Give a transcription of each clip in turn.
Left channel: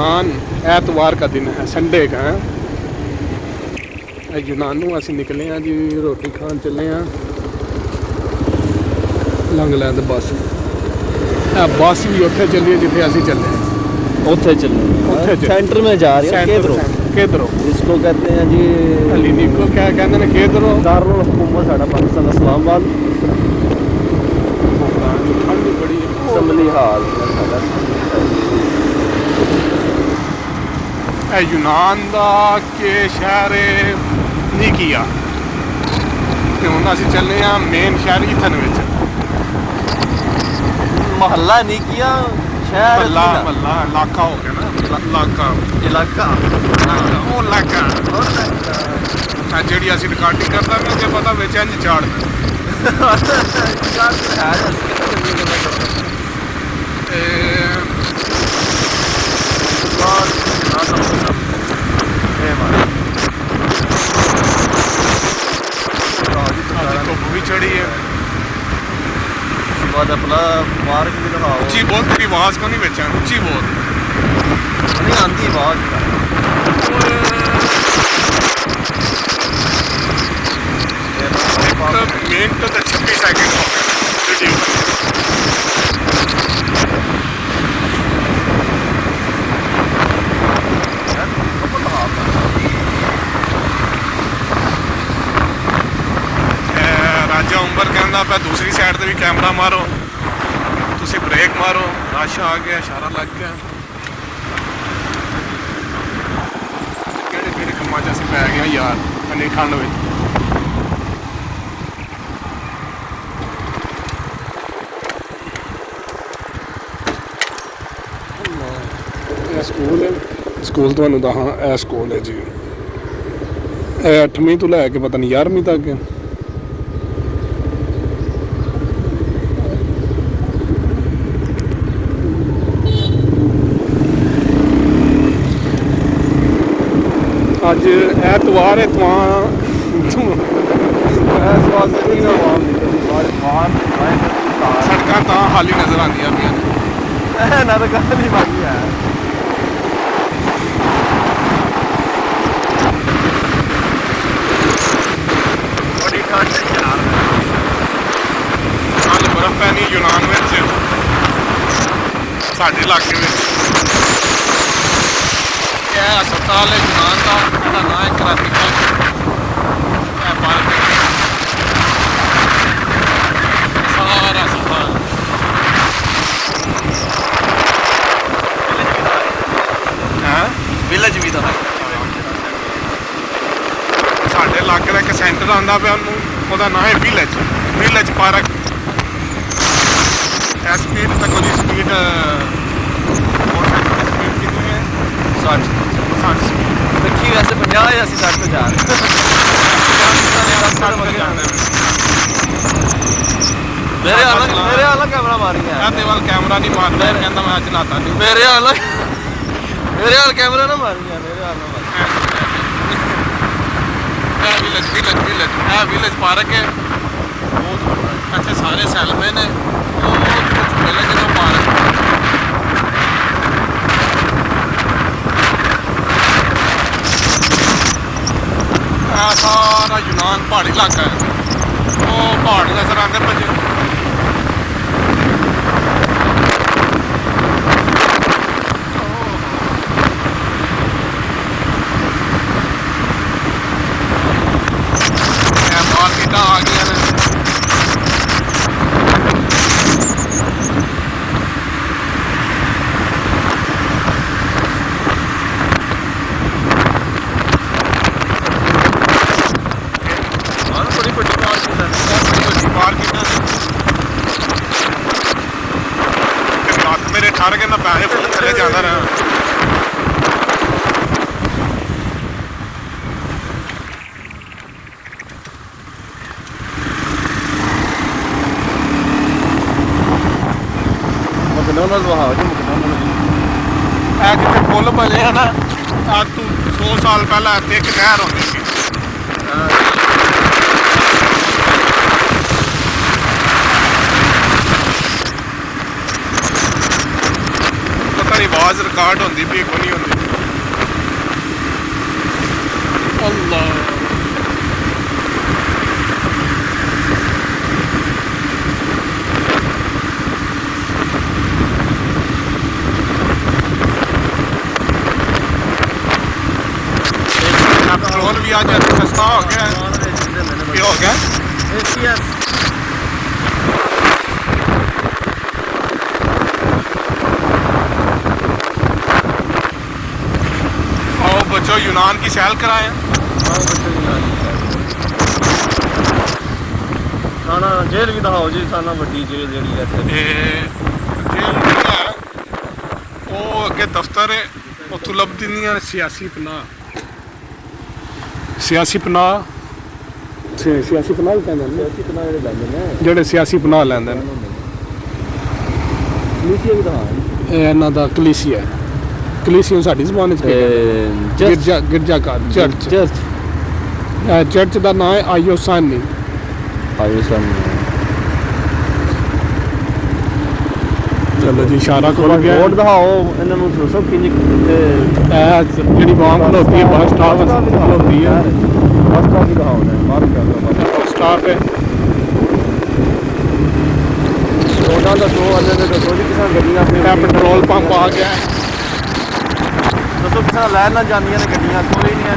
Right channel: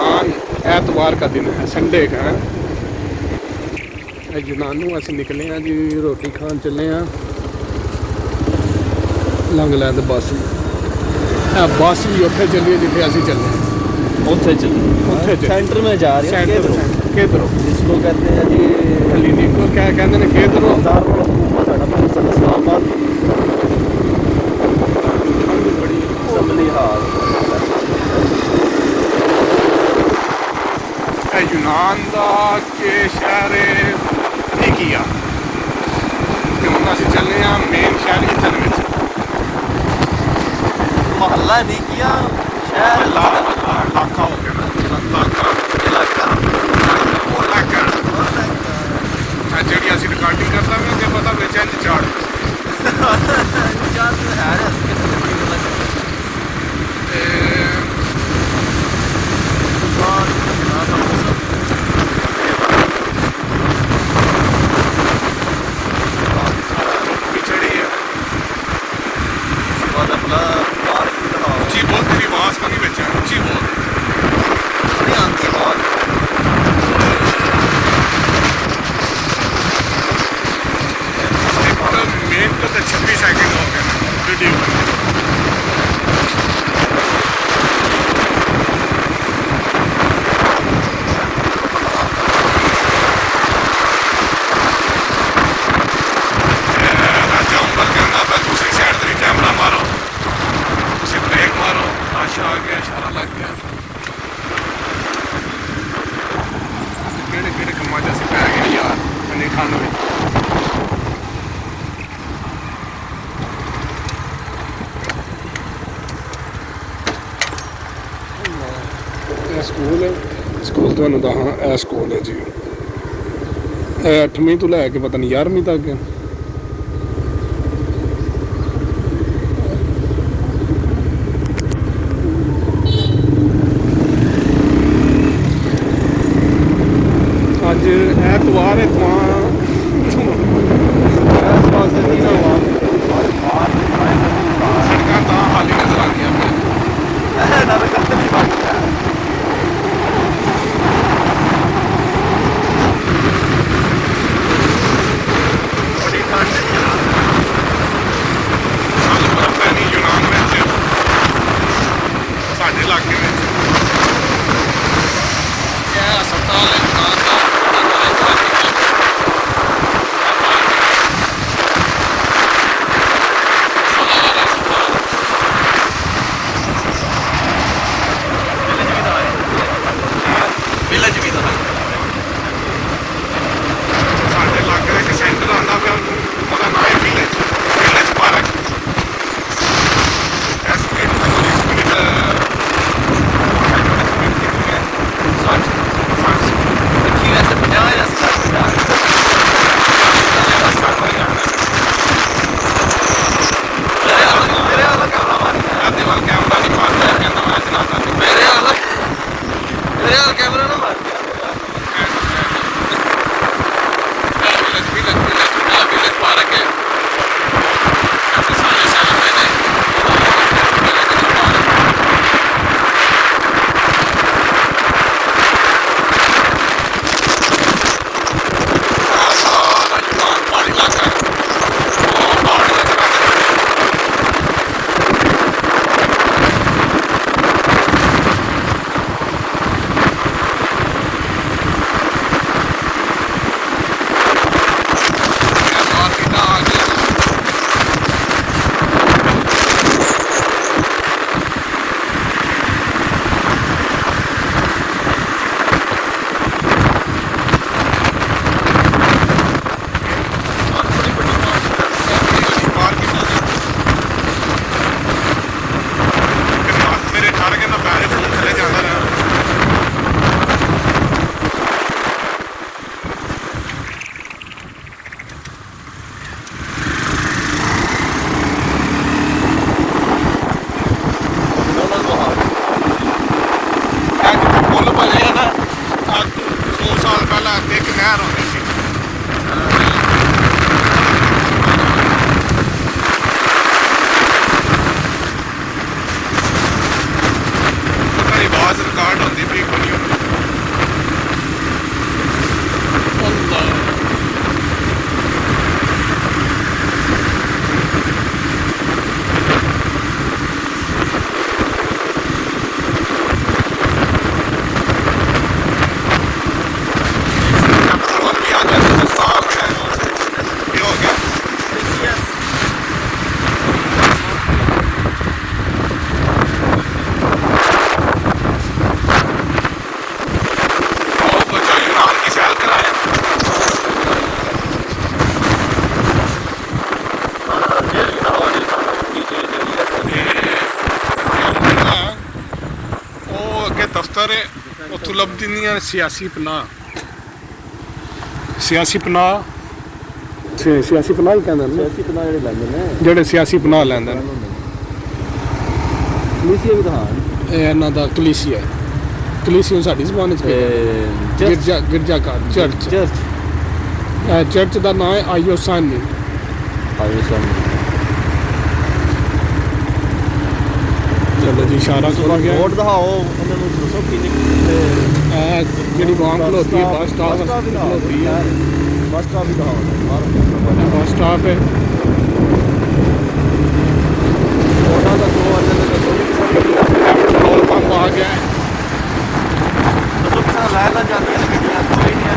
यूनान एतवार का दिन है, संडे का है। यूनान नूं असीं निकले हैं जी, रोटी खान चले हैं लंघ लैंद बस। बस भी उत्थे चली जिथे असीं चले, उत्थे चले सेंटर में जा रहे हैं। किधरों इसको कहते हैं जी हलीली को क्या कहते हैं, किधरों पाकिस्तान इस्लामाबाद। ठंड बड़ी संभली हाल यूनान का के शहर निकिया ते हुण असीं चले हैं मेन शहर इथन विच। महल्ला निकिया शहर महल्ला इलाका हो गया ना, इलाका जी असीं रिकॉर्डिंग करता ना जे पता बिच इंज चाड़ चढ़ी है। ऊँची बहुत पूरी आवाज़ का नहीं बचा, ऊँची बहुत नहीं आती बात। एक तो 36 सेकंड हो गया वीडियो में। दूसरी साइड से भी कैमरा मारो, तुम ब्रेक मारो, लाशा आ गया, सारा लग गया। कि कमा जैसे लै गया यार अने ठंड में। स्कूल तो दसा यह स्कूल है जी, 8वीं तो लैके पता नहीं 11वीं तक है। अज ऐतवार है सड़क तो खाली नजर आती है। बर्फ पैनी यूनान में साढ़े इलाके में क्या अस्पताल है यूनान का। विलेज भी था साढ़े इलाके का एक सेंटर आंदा पिया, ਉਹਦਾ नाम है विलेज पार्क। स्पीड स्पीड 60 वैसे 50 या 60 देवाल कैमरा नहीं मारता है, कहना मैं चलाता नहीं। मेरे वाला कैमरा ना मार दिया। विलेज पार्क है, ऐसे सारे शहर में ने सारा यूनान पहाड़ी इलाका है, वो पहाड़ी नजर आते हैं। सारे कहना पैसे फोन थले जाता रहा। जितने पुल बने हैं ना, आज तो 2 साल पहले एक नहर होती थी। आवाज़ रिकॉर्ड होती भी कोई ਇੱਥੋਂ ਲੱਭਦੀਆਂ ਸਿਆਸੀ ਪਨਾਹ ਸਿਆਸੀ ਪਨਾਹ ਸਿਆਸੀ ਪਨਾਹ ਹੀ ਕਹਿੰਦੇ ਨੇ ਸਿਆਸੀ ਪਨਾਹ ਜਿਹੜੇ ਲੈਂਦੇ ਨੇ ਜਿਹੜੇ ਸਿਆਸੀ ਪਨਾਹ ਲੈਂਦੇ ਨੇ ਕਲੀਸੀਆ ਵੀ ਦਿਖਾ ਇਹ ਇਹਨਾਂ ਦਾ ਕਲੀਸੀਆ ਸਾਡੀ ਜ਼ਬਾਨ ਵਿੱਚ ਗਿਰਜਾ ਘਰ ਚਰਚ ਦਾ ਨਾਮ ਹੈ ਆਇਓਸਾਨੀ ਚਲੋ ਜੀ ਇਸ਼ਾਰਾ ਕਰੋ ਗਿਆ ਰੋਡ ਦਿਖਾਓ ਇਹਨਾਂ ਨੂੰ ਦੱਸੋ ਕਿੰਨੀ ਜਿਹੜੀ ਬਾਂਬ ਖਲੋਤੀ ਹੈ ਬੱਸ ਸਟਾਪ ਖਲੋਤੀ ਹੈ ਰਸਤਾ ਵੀ ਦਿਖਾਓ ਬੱਸ ਸਟਾਪ ਹੈ ਉਹਨਾਂ ਦਾ ਜੋ ਪੈਟਰੋਲ ਪੰਪ ਆ ਗਿਆ ਹੈ ਦੱਸੋ ਕਿਸਾਨ ਲਹਿਰ ਨਾਲ ਜਾਂਦੀਆਂ ਨੇ ਗੱਡੀਆਂ ਕੋਈ ਨਹੀਂ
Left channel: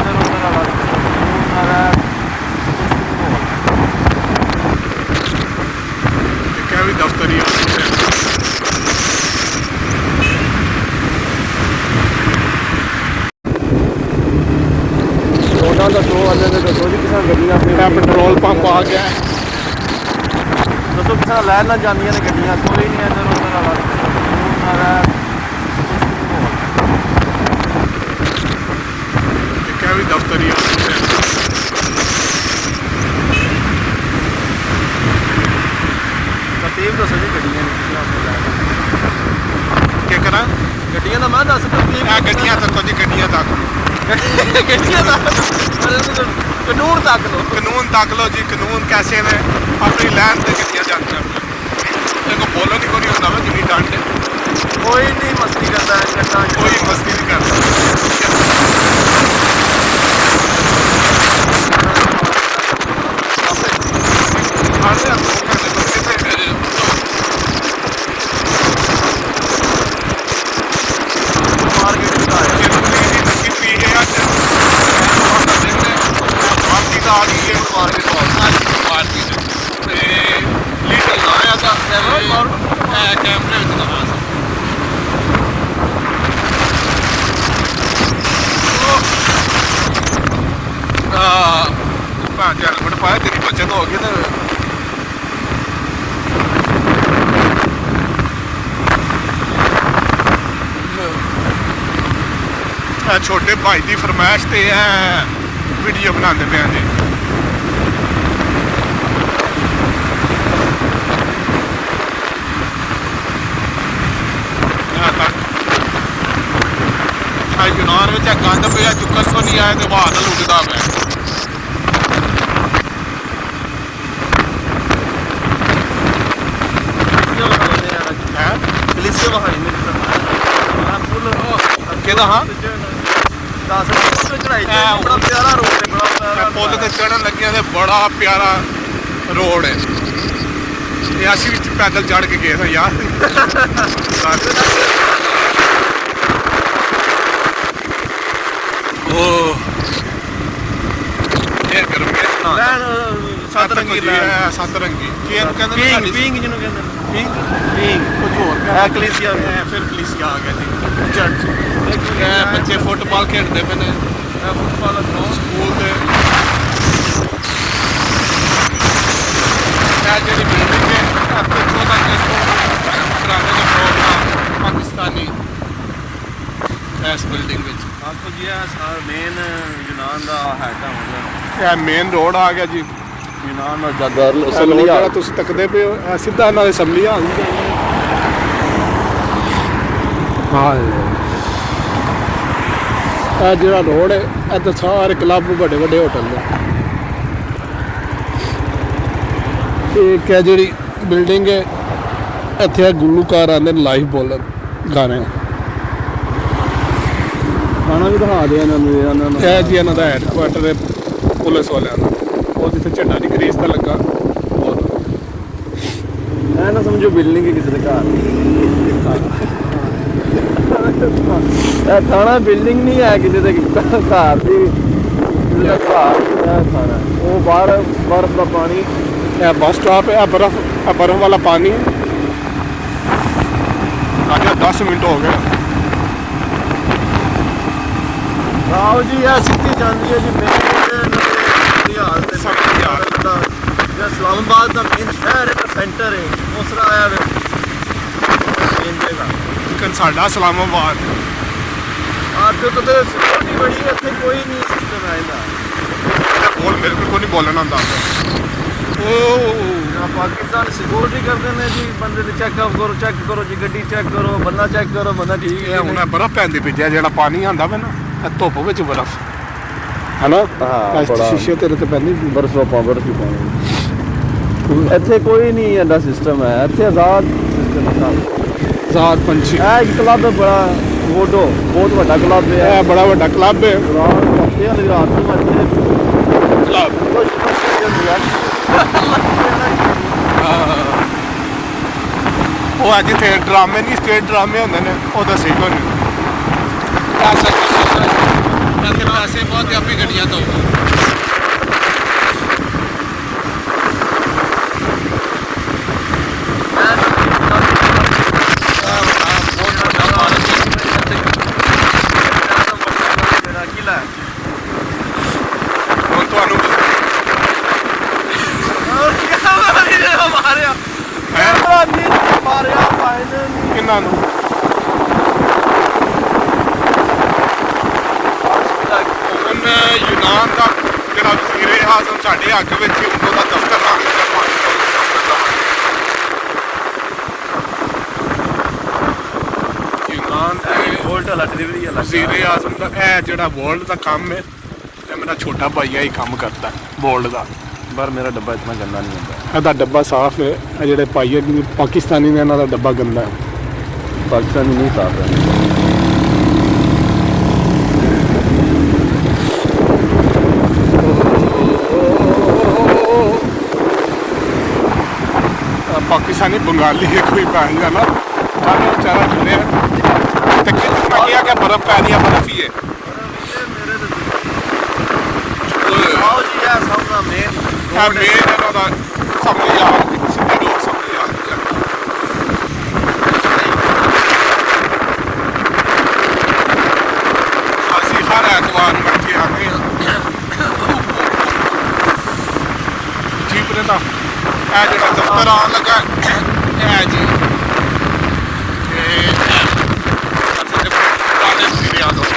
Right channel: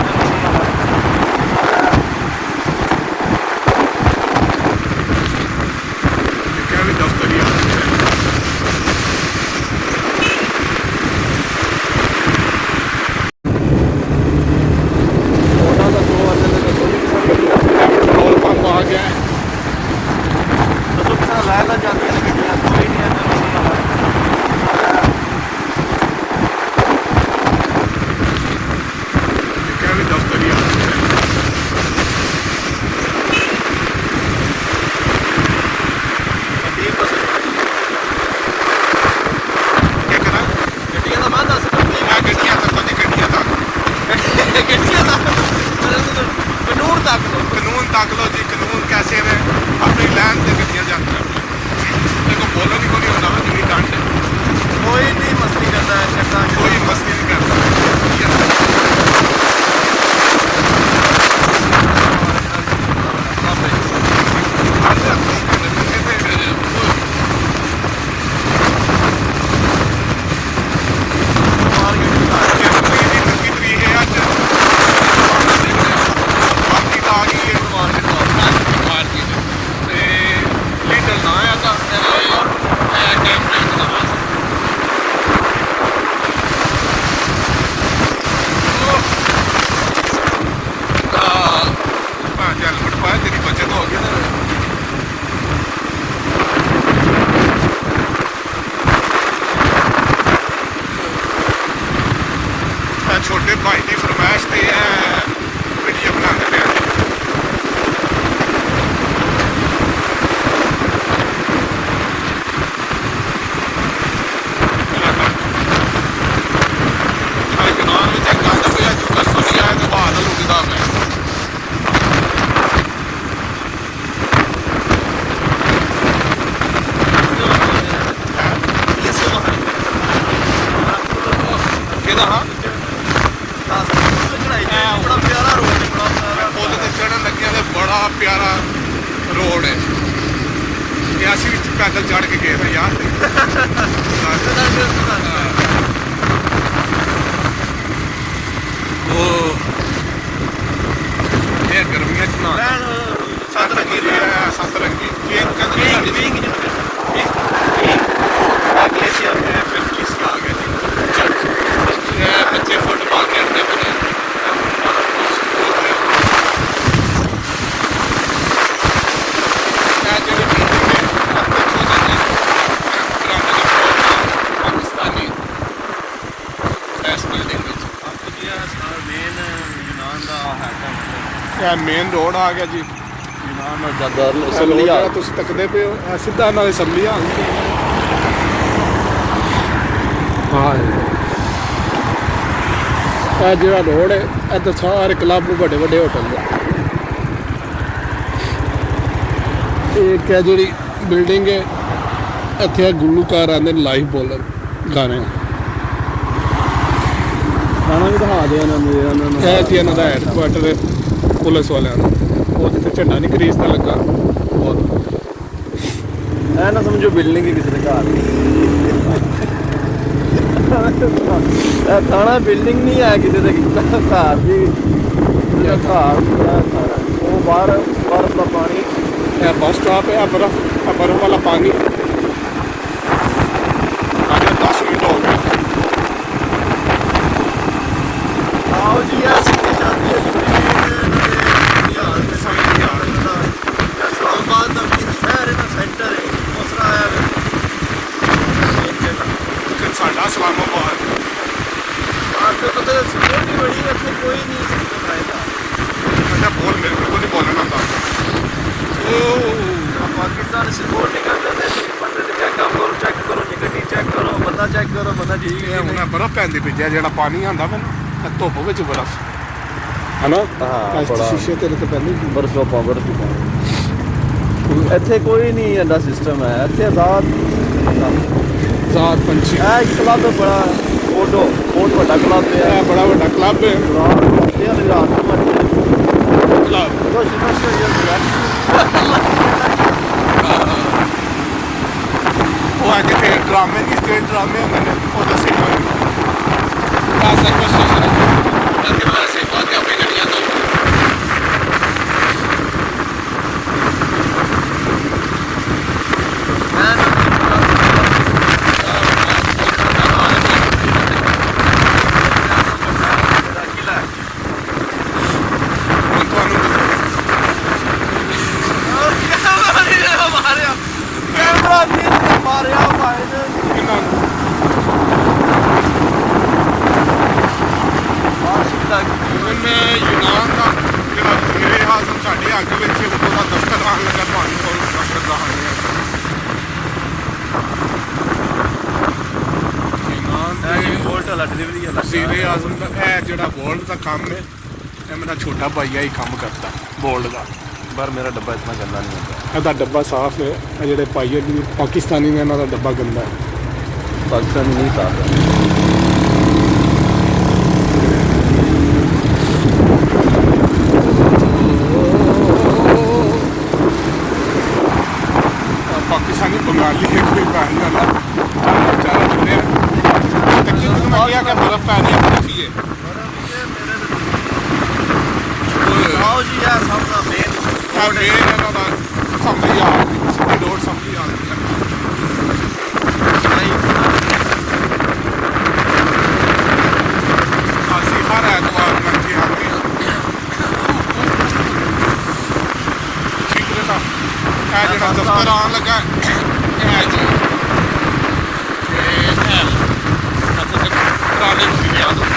ਕਿਆ ਵੀ ਦਫ਼ਤਰੀ ਆ ਪੈਟਰੋਲ ਪੰਪ ਆ ਗਿਆ ਹੈ ਦੱਸੋ ਕਿਸਾਨ ਲਹਿਰ ਨਾਲ ਜਾਂਦੀਆਂ ਨੇ ਗੱਡੀਆਂ ਕੋਈ ਨਹੀਂ ਕਿਆ ਵੀ ਦਫ਼ਤਰੀ ਆ ਠੀਕ ਦੱਸੋ ਕੀ ਕਰਾਂ ਗੱਡੀਆਂ ਦਾ ਮਾਂ ਦੱਸ ਆ ਗੱਡੀਆਂ ਤੱਕ ਗੱਡੀਆਂ ਤੱਕ ਗੱਡੀਆਂ ਦਾ ਕਾਨੂੰਨ ਤੱਕ ਕਾਨੂੰਨ ਤੱਕ ਲੋ ਜੀ ਕਾਨੂੰਨ ਕੈਸੇ ਨੇ ਆਪਣੀ ਲੈਣ ਤੇ ਗੱਡੀਆਂ ਜਾਂਦੀਆਂ ਦੇਖੋ ਬੋਲਣ ਨੂੰ ਕੋਈ ਹੁੰਦਾ ਵਾ ਜਿੱਦੀ ਡਾਂਟ ਕੋਈ ਨਹੀਂ ਮਸਤੀ ਕਰਦਾ ਹੈ ਕੋਈ ਮਸਤੀ ਨਹੀਂ ਕਰਦਾ हेलमेट पाया तेरी बचत हो गई ना छोटे भाई की फरमाइश पे है वीडियो बना के गए जनान में गंद पे चुकस तो नहीं आया तो बहाद लुटता है पुल ते चढ़न लगे तो बड़ा प्यारा रोड है असी पैदल चढ़ के गए ना यार सतरंगी बच्चे फुटबॉल खेलते पे पाकिस्तानी मेन रोड आ गया जी तुम तकते पे हो सीधा ना असैम्बली हाँ जो रोड है इधर सारे क्लब बड़े बड़े होटल ने एक है जी बिल्डिंग है इतने गुलूकार आते लाइव बोलन गाने गाना भी दिखा दो है जी इन्हों का हैडकुआटर है पुलिस वाले वो जिथे झंडा नहीं ग्रीस का लगा और ना समझो बिल्डिंग ही किसी घर थाना बिल्डिंग नहीं है किसी घर की वो बाहर बर्फ का पानी बस स्टॉप है बर्फ वाला पानी 10 मिनट हो गए आओ जी सीधी जाती है इस्लामाबाद का मेन शहर सेंटर है मसला है साडा इस्लामाबाद आपके ਇੱਥੇ ਕੋਈ ਨਹੀਂ ਸਿਸਟਮ ਆਏਗਾ ਬੋਲ ਮੇਰੇ ਕੋਲ ਨਹੀਂ ਬੋਲਣਾ ਹੁੰਦਾ ਪਾਕਿਸਤਾਨ ਸਪੋਰਟ ਨਹੀਂ ਕਰਦੇ ਨੇ ਕਿ ਬੰਦੇ ਨੂੰ ਚੈੱਕ ਕਰੋ ਜੀ ਗੱਡੀ ਚੈੱਕ ਕਰੋ ਬੰਦਾ ਠੀਕ ਇਹ ਹੁਣ ਬਰਫ਼ ਪੈਂਦੀ ਪਈ ਜਿਹੜਾ ਪਾਣੀ ਆਂਦਾ ਵਾ ਨਾ ਧੁੱਪ ਵਿੱਚ ਬਰਫ਼ ਹਨਾ ਸ਼ੀਸ਼ੇ ਤੇਰੇ ਤੇ ਪੈਂਦੀ ਬਰਫ਼ ਇੱਥੇ ਕੋਈ ਨਹੀਂ ਐਡਾ ਸਿਸਟਮ ਹੈ ਇੱਥੇ ਆਜ਼ਾਦ ਪੰਛੀ ਇਹ ਇੱਕ ਕਲੱਬ ਬੜਾ ਬਹੁਤ ਵੱਡਾ ਕਲੱਬ ਹੈ ਇਹ ਬੜਾ ਵੱਡਾ ਕਲੱਬ ਹੈ ਉਹ ਅੱਜ ਤੇ ਡਰਾਮੇ ਨਹੀਂ ਸਟੇਜ ਡਰਾਮੇ ਹੁੰਦੇ ਨੇ ਉਹ ਦੱਸੇ ਤੁਹਾਨੂੰ ਇੱਥੇ ਪੈਸੇ ਬਹੁਤ ਆਪਣੀ ਗੱਡੀਆਂ ਤੋਂ ਸਾਡੇ ਹੱਥ ਵਿੱਚ ਉਦੋਂ ਦਾ ਦਫ਼ਤਰ ਨਾਮ ਲੱਗਾ ਵਜ਼ੀਰ ਆਜ਼ਮ ਦਾ ਇਹ ਜਿਹੜਾ ਵਰਲਡ ਦਾ ਕੰਮ ਹੈ ਤੇ ਮੇਰਾ ਛੋਟਾ ਭਾਈਆ ਹੀ ਕੰਮ ਕਰਦਾ ਵਰਲਡ ਦਾ ਪਰ ਮੇਰਾ ਡੱਬਾ ਇਤਨਾ ਗੰਦਾ ਨਹੀਂ ਹੁੰਦਾ ਇਹਦਾ ਡੱਬਾ ਸਾਫ਼ ਹੈ ਇਹ ਜਿਹੜੇ ਭਾਈਏ ਪਾਕਿਸਤਾਨੀ ਨੇ ਇਹਨਾਂ ਦਾ ਡੱਬਾ ਗੰਦਾ ਹੈ ਪਾਕਿਸਤਾਨੀ ਨਹੀਂ ਸਾਫ਼ ਹੈ पाकिस्तानी बंगाली के कोई पानी है ना खाना चारा बने कितना क्या क्या बर्फ पा रही है बर्फ ही है हर एतवार बैठे आते हैं जीपरे का ਇਹ ਜਿਹੜਾ ਦਫ਼ਤਰ ਆਉਣ ਲੱਗਾ ਇਹ ਜੀ ਪੁਰਾਣੇ ਵਜ਼ੀਰ ਆਜ਼ਮ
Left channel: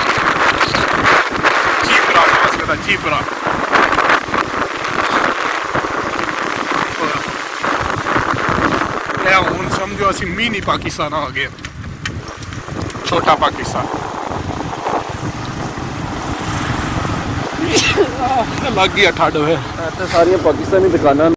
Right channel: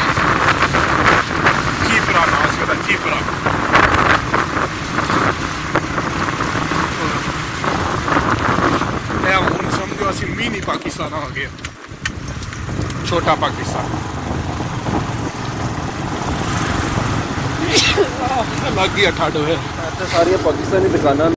ਚੀਪਰਾ ਨਾਮ ਸੀ ਉਹਦਾ ਚੀਪਰਾ ਇਹ ਹੁਣ ਸਮਝੋ ਅਸੀਂ ਮਿਨੀ ਪਾਕਿਸਤਾਨ ਆ ਗਏ ਛੋਟਾ ਪਾਕਿਸਤਾਨ ਲੱਗ ਗਿਆ ਠੱਡ ਹੋਇਆ ਸਾਰੀਆਂ ਪਾਕਿਸਤਾਨੀ ਦੁਕਾਨਾਂ